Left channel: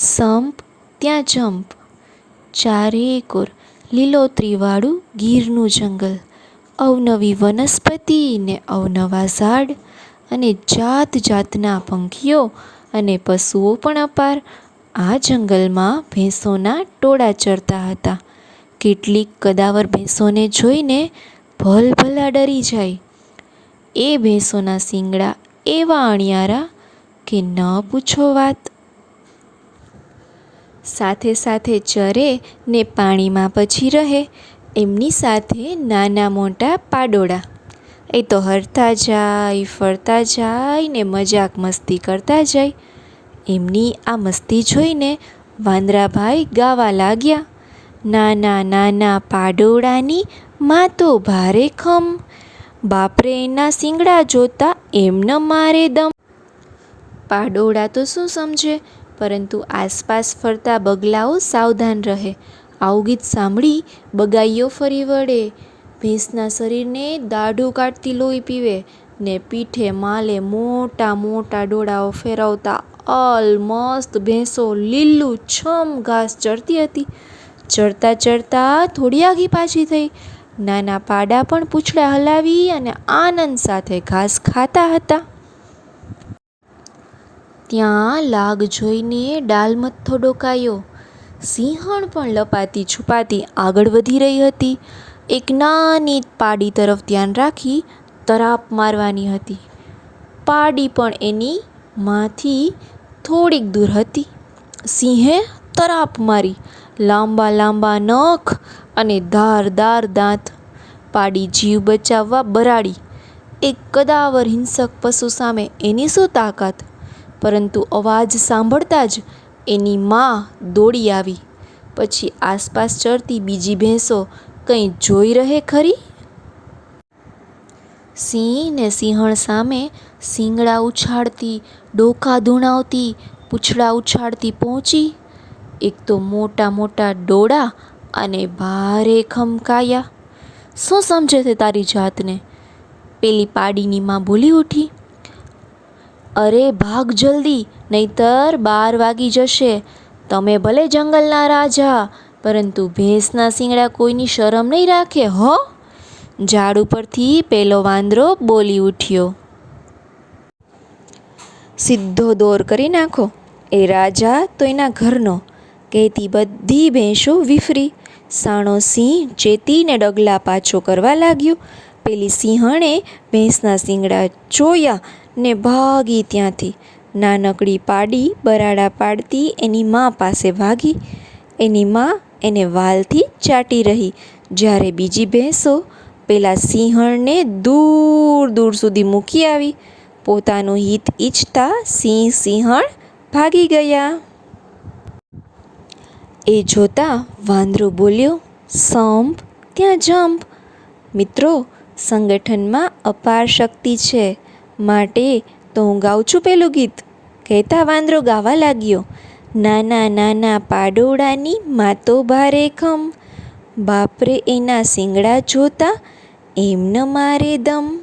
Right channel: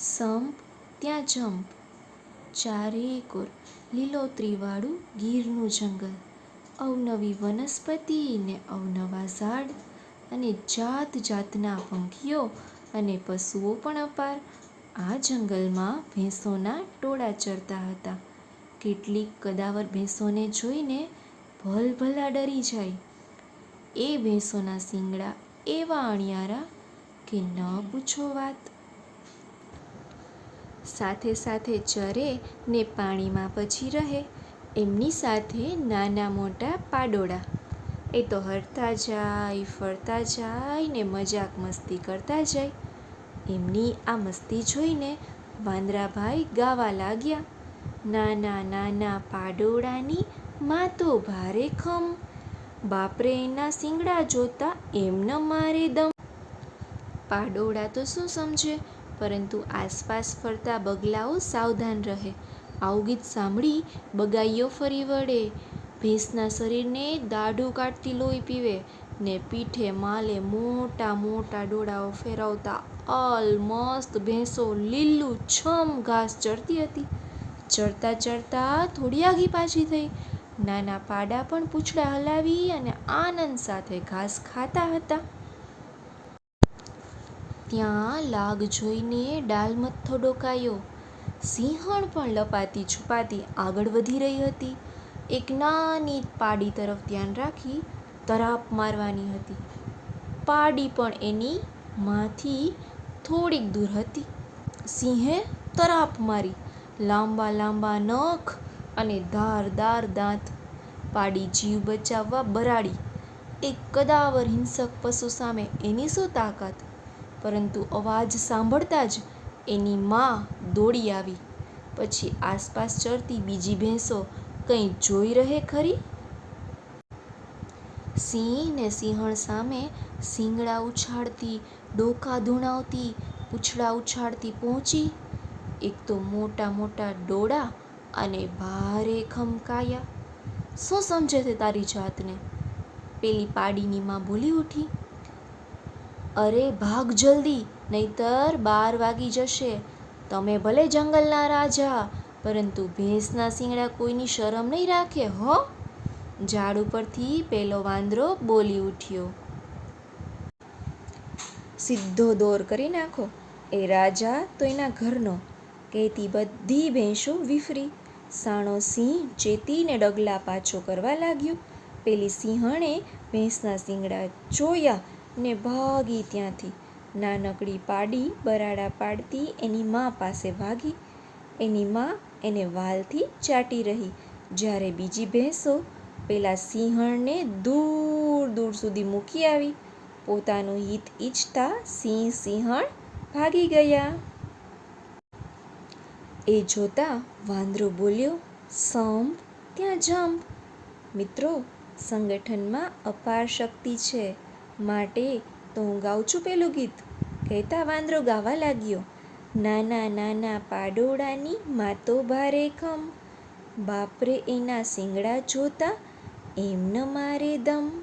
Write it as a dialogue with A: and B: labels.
A: સંપ ત્યાં જંપ. ચારે કોર લીલોતરીવાળું ગીરનું જંગલ. અવનવી વનસ્પતિ ને અવનવા ઝાડ અને જાત જાતના પંખીઓ અને પશુઓ પણ અપાર. આ જંગલમાં ભેંસોના ટોળા ચરતા હતા. કેટલીક કદાવર ભેંસોને જોઈને ભલભલા ડરી જાય. એ ભેંસોના શિંગડા એવા અણિયારા કે ન પૂછો વાત. સાથે સાથે ચરે ને પાણીમાં પછી રહે, એમની સાથે નાના મોટા પાડોળા. એ તો હરતા જાય, ફરતા જાય ને મજાક મસ્તી કરતા જાય. એમની આ મસ્તી જોઈને વાંદરાભાઈ ગાવા લાગ્યા. નાના નાના પાડોળાની માં તો ભારે ખમ. બાપરે એના શિંગડા જોતા એમને મારે દમ. પાડોળા તો શું સમજે? પરંતુ આસપાસ ફરતા બગલાઓ સાવધાન રહે. આવું ગીત સાંભળી બગાઈઓ ફરી વળે. ભેંસના શરીરને દાઢું કાઢતી લોહી પીવે ને પીઠે માલે મોટા મોટા ડોળાઓ ફેરવતા અલમસ્ત ભેંસો લીલું છમ ઘાસ ચરતી હતી. ચરતા ચરતા થોડી આઘી પાછી થઈ. નાના પાડા પણ પૂંછડા હલાવી અને આનંદ સાથે ઘાસ ખાતા હતા. ત્યાં લાગ જોઈને ડાલમથ્થો ડોકાયો સિંહણ પણ લપાતી છુપાતી આગળ વધી રહી હતી. એક નાની પાડી તરફ ધ્યાન રાખી તરાપ મારવાની હતી. પાડી પણ એની માંથી થોડીક દૂર હતી. સિંહે તરાપ મારી, લાંબા લાંબા નખ અને ધારદાર દાંત. પાડી જીવ બચાવવા બરાડી. એક કદાવર હિંસક પશુ સામે એની શું તાકાત? પરંતુ અવાજ સાંભળતા જ એની મા દોડી આવી. પછી આસપાસ ચરતી બીજી ભેંસો કંઈ જોઈ રહે ખરી? સિંહ ને સિંહણ સામે શિંગડા ઉછાળતી, ડોકા ધૂણાવતી, પૂંછડા ઉછાળતી પહોંચી. એક તો મોટા મોટા ડોળા અને ભારે ખમકાયા. શું સમજે છે તારી જાતને? પેલી પાડીની માં બોલી ઉઠી. અરે ભાગ જલ્દી, નહીતર બાર વાગી જશે. તમે ભલે જંગલના રાજા, પરંતુ ભેંસના શિંગડા કોઈની શરમ નહીં રાખે, હો? ઝાડ ઉપરથી પેલો વાંદરો બોલી ઉઠ્યો. સીધો દોર કરી નાખો. એ રાજા તો એના ઘરનો. કહેતી બધી ભેંસો વિફરી. સાણો સિંહ ચેતીને ડગલા પાછો કરવા લાગ્યો. પેલી સિંહણે ભેંસના શિંગડા જોયા. ને ભાગી ત્યાંથી. નાનકડી પાડી બરાડા પાડતી એની મા પાસે ભાગી. એની મા એને વાલથી ચાટી રહી. જ્યારે બીજી ભેંસો પેલા સિંહણને દૂર દૂર સુધી મૂકી આવી. પોતાનું હિત ઈચ્છતા સિંહ સિંહણ ભાગી ગયા. એ જોતા વાંદરો બોલ્યો, સંપ, ત્યાં જંપ. મિત્રો, સંગઠનમાં અપાર શક્તિ છે. માટે તો હું ગાઉં છું પેલું ગીત. કહેતા વાંદરો ગાવા લાગ્યો. નાના નાના પાડોળાની માતો ભારે ખમ. બાપરે એના શિંગડા જોતા એમને મારે દમ.